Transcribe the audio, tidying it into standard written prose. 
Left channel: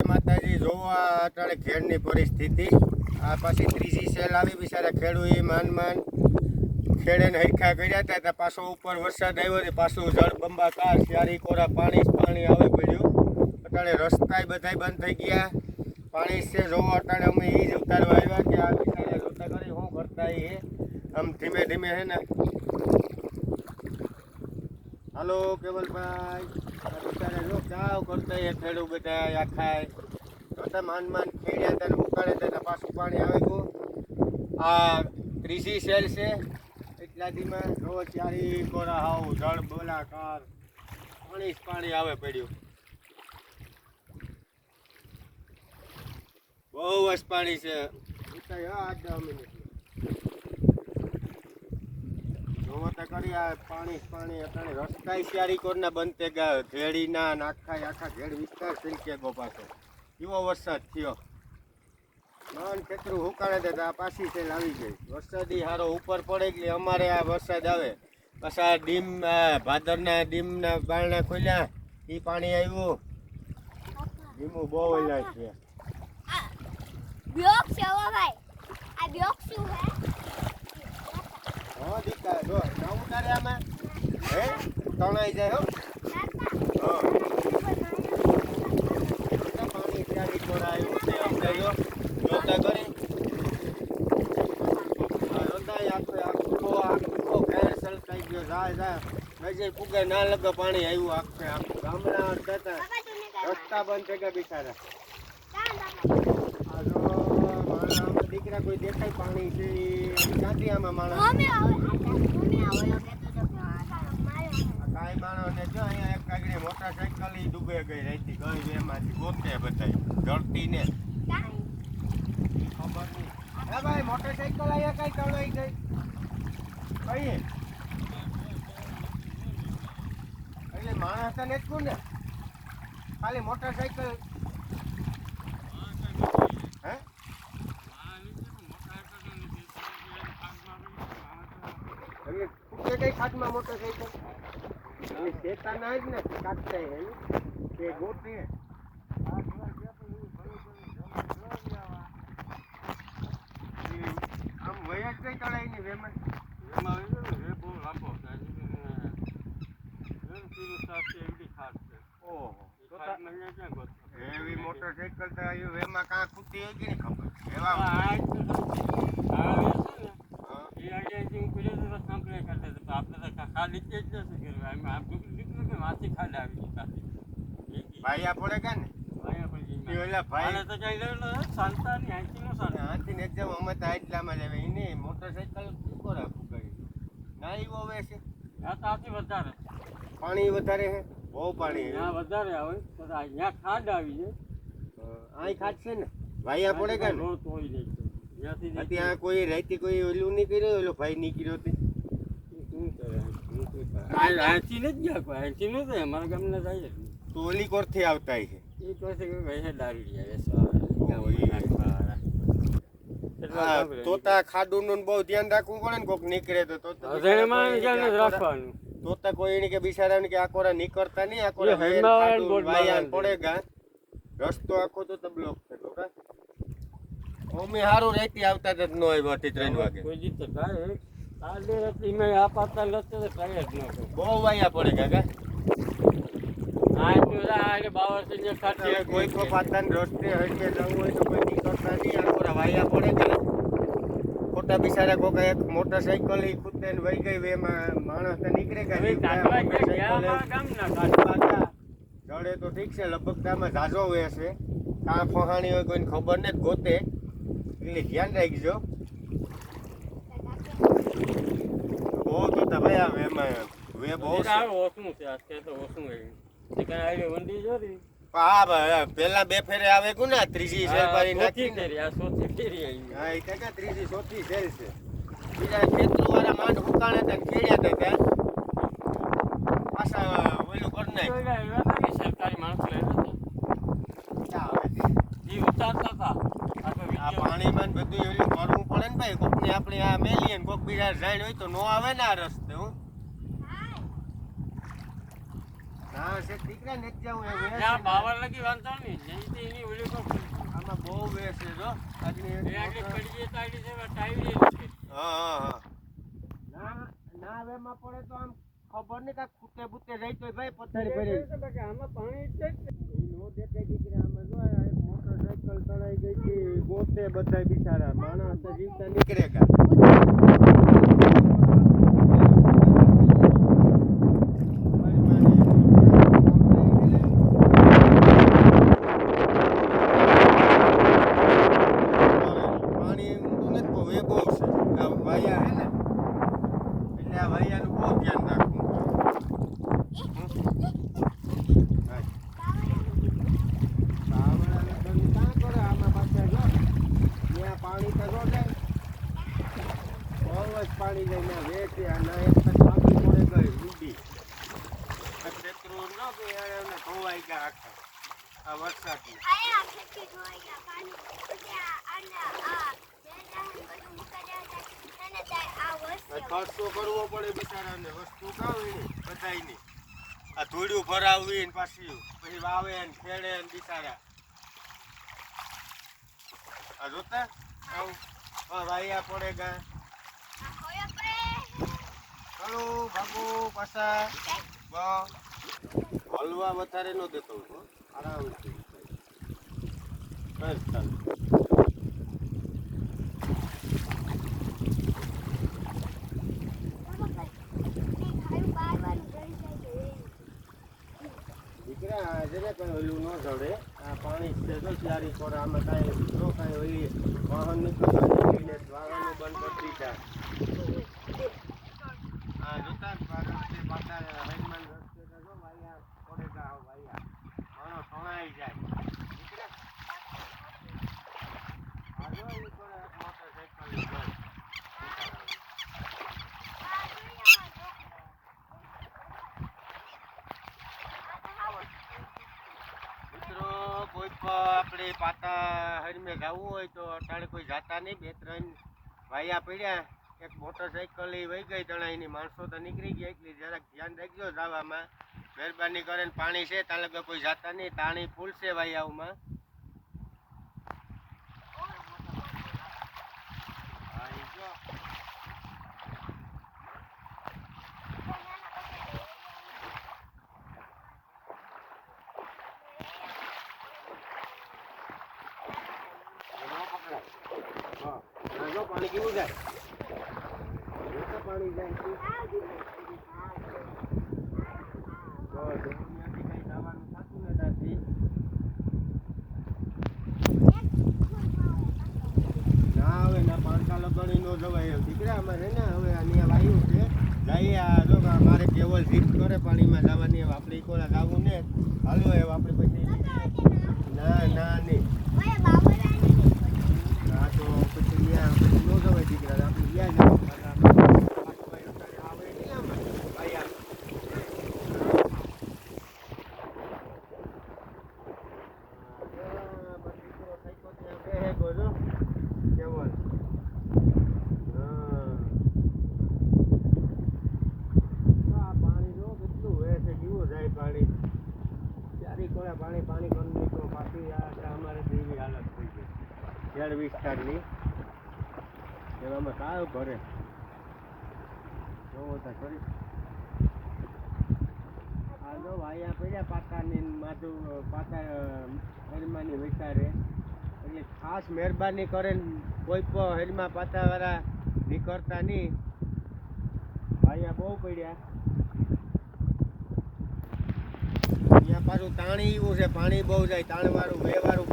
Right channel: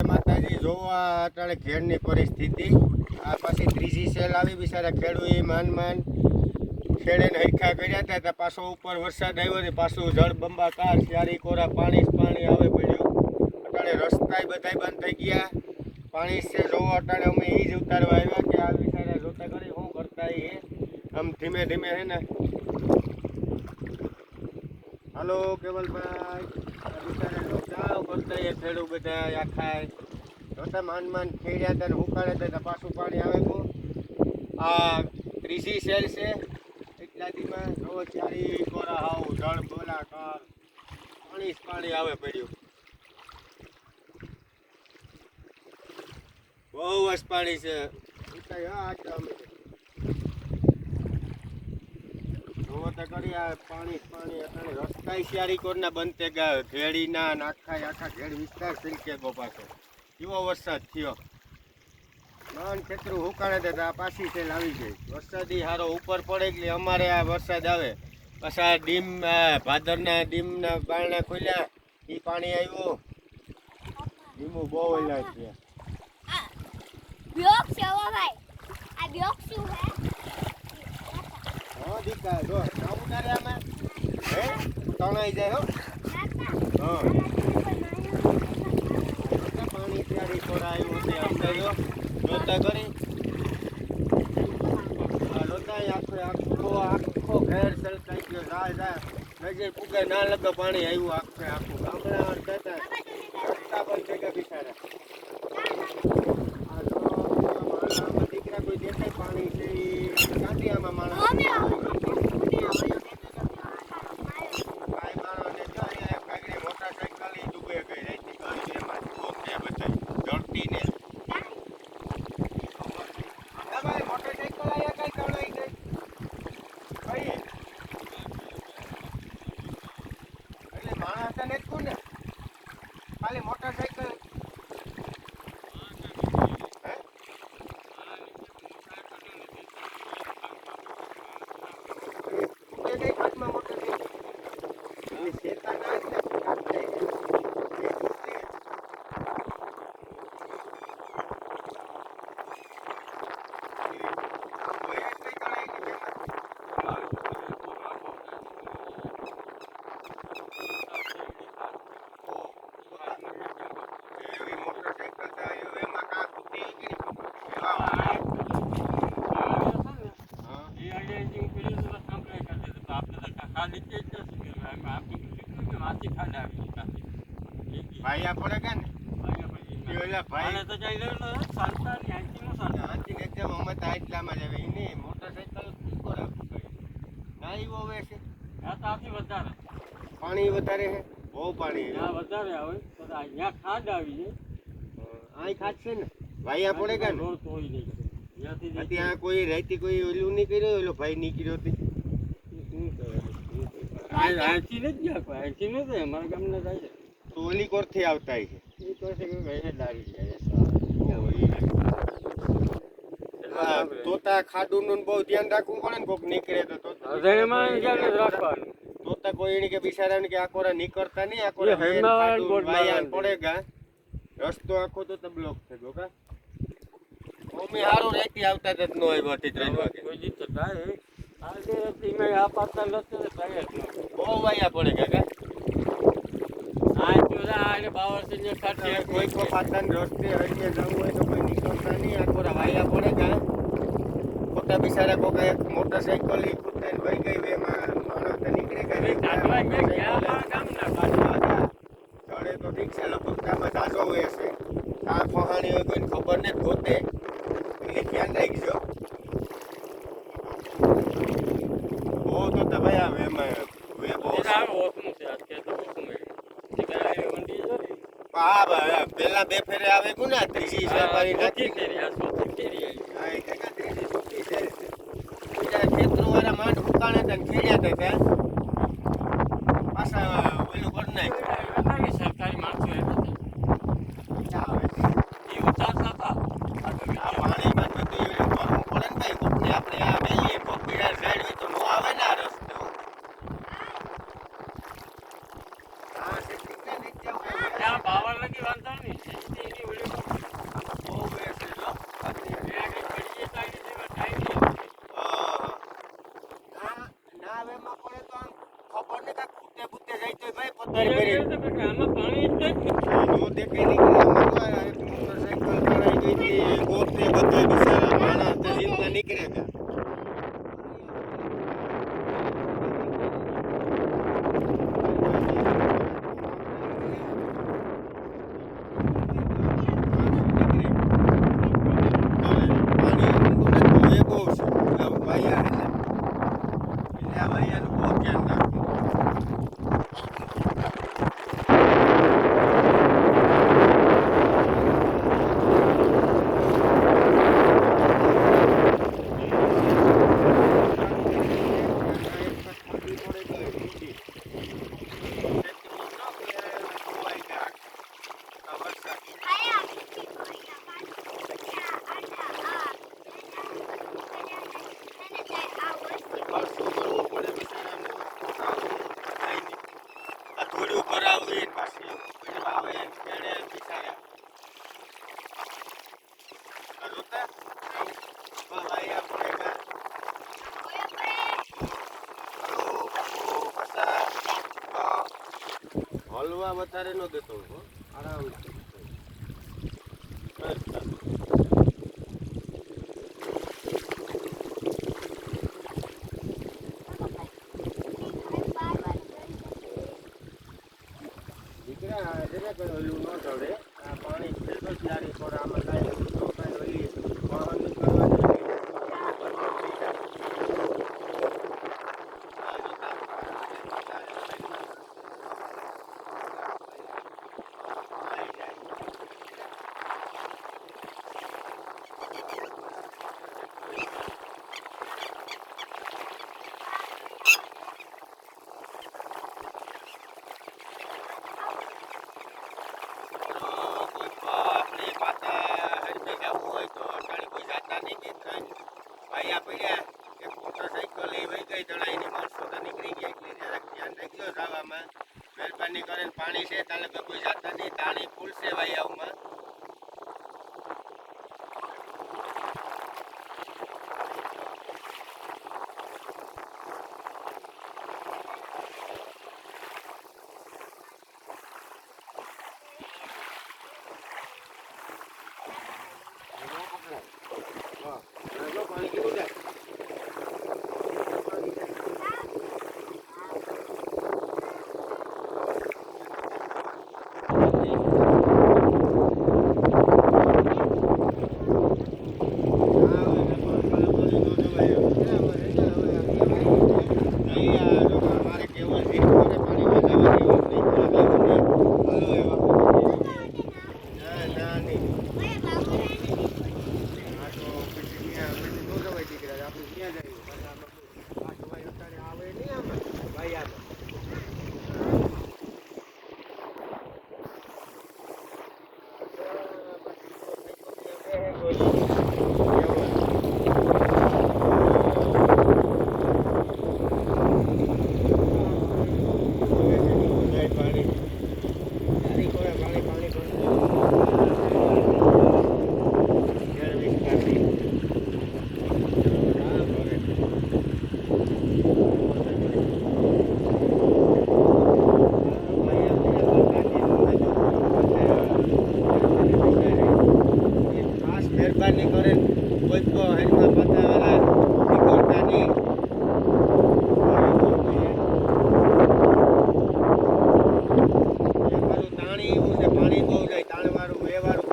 માતાજી જોવા અટાણે ઘેરની પરિસ્થિતિ આ પાછી ત્રીજી સેલ આવી બિચારા ખેડૂત માન ખેડે ને હરખા કર્યા હતા પાછો ઉપર વરસાદ આવ્યો ને પાછું જળ બંબાકાર ચારી કોરા પાણી આવે પડ્યું અટાણે રસ્તા બધા બંધ થઈ ગયા પાણી છે જોવો અટાણે અમે એ જ ઉતારવા આવ્યા કે આ બિચારા જોતા કરી શું કરતા એ આમ ધીમે ધીમે હે ને હાલો કેવલભાઈ ચાવ કરતા એ ખેડૂત બધા આખા જોતા માન ખેડ્યા હતા ને ઉકાળે હતા પાછું પાણી આવે તો આ ત્રીજી સેલ છે એટલા દીમાં જો ચારી કોરા હાવ જળ બોલાકાર પાણી આવે પડ્યું બહુ જ પાણી છે કરી આ પાણી અત્યારે રસ્તા ચારી કોરના બંધ ગયા ઘેડીના આખા ઘેડ વિસ્તાર સિલકે ગો પાછો એવો વરસાદ થયો માન ખેતરું હુકાડે તો આ પાછી સેલ આવી ગઈ વરસાદી હારો ઉપર પડે એટલે અમારે આ વરસાદ આવે પછી આ ડીમ ભાદરના ડીમના બારણા ખોલ્યા એ પાણી આવ્યું ડીમું બહુ ઓલા છે બ્લોક છે ઓ ભાઈ આ બ્લોક શું હે હા દીકા જો ના ઉતારે આમાં હે તણાઈ જાય હો પાણી ક્યારે છોડાયું છે અંધાયો જોતા કરી આ રોતાય આખો ઘેર સલકાઈ ગયો જાય નજે પુગાય ના લગે પાણી આવ્યું આખું ગામડા હતા રસ્તા બંધ થઈ ગયા બિચારા દીકરા કોઈ દેખાય પાણી છે ક્યાંથી આમાં માણસ મોટરસાઇકલ ડૂબે ગઈ રહેતી કઈ એમાંથી ગોતે બધા જડતી ને ભાઈ મોટરસાઇકલ આયા કઈ ચડાઈ ગઈ કઈ એટલે માણસ તો નથી ને ખાલી મોટરસાઇકલ કઈ ખાટમાં મોટરસાઇકલ શેતા ના જ ને કાઢતા એ ગોતી ભાઈ પડે કે ને ભાઈ તો જઈ રહ્યો સંતાની આંચી એકદમ અમે તો આટલામાં જ આવે એને મોટરસાઇકલ ટીકો રાખવું કરી ના એવો આવે છે વધારે પાણી વધારે છે બહુ પાણી વધારે આવે તો અહીંયા ખાડ આવી જાય અહીં ખાડ છે ને ભાઈ પડે કે રોડ તોડી જાય ત્યાં કોઈ રહેતી કોઈ ઓલું નહીં કર્યો ઓલો ભાઈ નીકળ્યો હતી આંચી નથી ગયા કોઈ આંચી નથી અમારા ગામના થાય તો ઓલી કોરથી આવતા છે એ કહે દારી જાય તોતા ખાડું બહુ ધ્યાન રાખવું પડે ને કોક નીકળે તો રાખવાનું તોતા કોઈ કે બિચારા કે આ કોરા નીકળતા નહીં આ કોરા વાયાન પડેગા રસ્તો આખો તો બ્લોક થયો કા ઓમે હારું રહેતી આવતા જ ન હોય 3 વાગે કોઈ જીત થાય આજે રાત્રિ મે આ પાતા લતે થાય જ ન બહુ વાયા પડે કાકા આ પેલા આને બાવર છે કાઢી કોઈ કો પાતાન રસ્તે હરીએ જવું હોય તો કોઈ નીકળતા નહીં આ કોરા વાયા પડે કા ખોટા બિચારા કોક એક મોટરસાઇકલ ઈ કૂદે ને વઈ ગઈ એમાં માણસ તો નીકળે કે ચડે તો ઠીક છે લગભગ આમાં ઝાઝો હોય છે આ ફહાણી હોય કોઈને ખબર ને ગોતે એટલે ધ્યાન રાખજો બહુ તો ભાઈ આવે એમાં વે બહુ ઓછું છે આ કે તો ઓછું નીકળાય વંડી જોરી હા પેલા બે ફેરે આવે કુ ને ત્રીજી શેર પારી નાખી આ સોથી ફેરી આવી હા એ કાકા ત્રીજી ચોથી શેર છે બીજા ખેતરો વાળા માંડ હુકાણે હતા ખેડ્યા હતા ત્યાં પાછા ઓલું કરી નાખ્યું સરકારી માણસો એ ઉતારતા હતા આ પાણીમાં બધું એવું ભરવું પડે ને ભાઈ કોકને આપણે આ મેલીએ કોક પીડા ઝાડ હોય તો નો આવે ને આ રસ્તે હા છે દીકરા નીચે બાવર લગી વાંધો નહીં અત્યારે કરી આમાં પાણી જ નથી. નો દેખાય નીકળે આમાં તો આ મોટરસાઇકલ તણાઈ ગઈ હતી ગોતે બધે બિચારા માણસ તો જીવતા નીકળે કા પાણી ઊંડું નથી, બહુ છે આ વાયા એટલે આ વાયાનું બહુ ધ્યાન રાખવું. આયા કોઈના પાણી એને જાય આ વસ્તુ ધૂળ્યું ભરાવી ને પાછી પછી આવે ને ખેડે ને બિચારા આ જોતા વાયા પડે કા હલો બાપુ પાછા હલવા વધારે ન દેતો હું હો. આરામથી અચ્છા દીકરા જરા કઈ ઓલું ન ચડે આ પાણી છે તો ક્યારે પર આમાં કાંઈ ન કાંઈ ઓલી વાહન આપણે પાતા હરીમાં જવું હોય તો અટાણે કોઈ જાતા નહીં કે ત્રણ ભાઈયા પડ્યા એક મોટરસાઇકલ એ વહી ગઈ તણાઈની માણસો તો નીકળી ગયા એટલે જરાક ધ્યાન રાખજો જવામાં મહેરબાની કરીને પાણી છે તાલે કોઈ જાતા નહીં તાણી ફૂલશે વાયાઓમાં પાણી કેવું જાય પાણી જાય મારે કેવલ જીત કરે પાણીમાં જવા દેવા નહીં ના ના નહીં આ તો પછી પછી ન જવાય દીકરા આપણે ત્યાં જવા અત્યારે આવે નહીં આમાં ભાઈ આમ મહેરબાની કરે કોઈ પણ હેલમાં પતાવાળા નીકળતા નહીં મારું તાણી એવું છે પાણી બહુ જાય તાણવાળું વેવાળું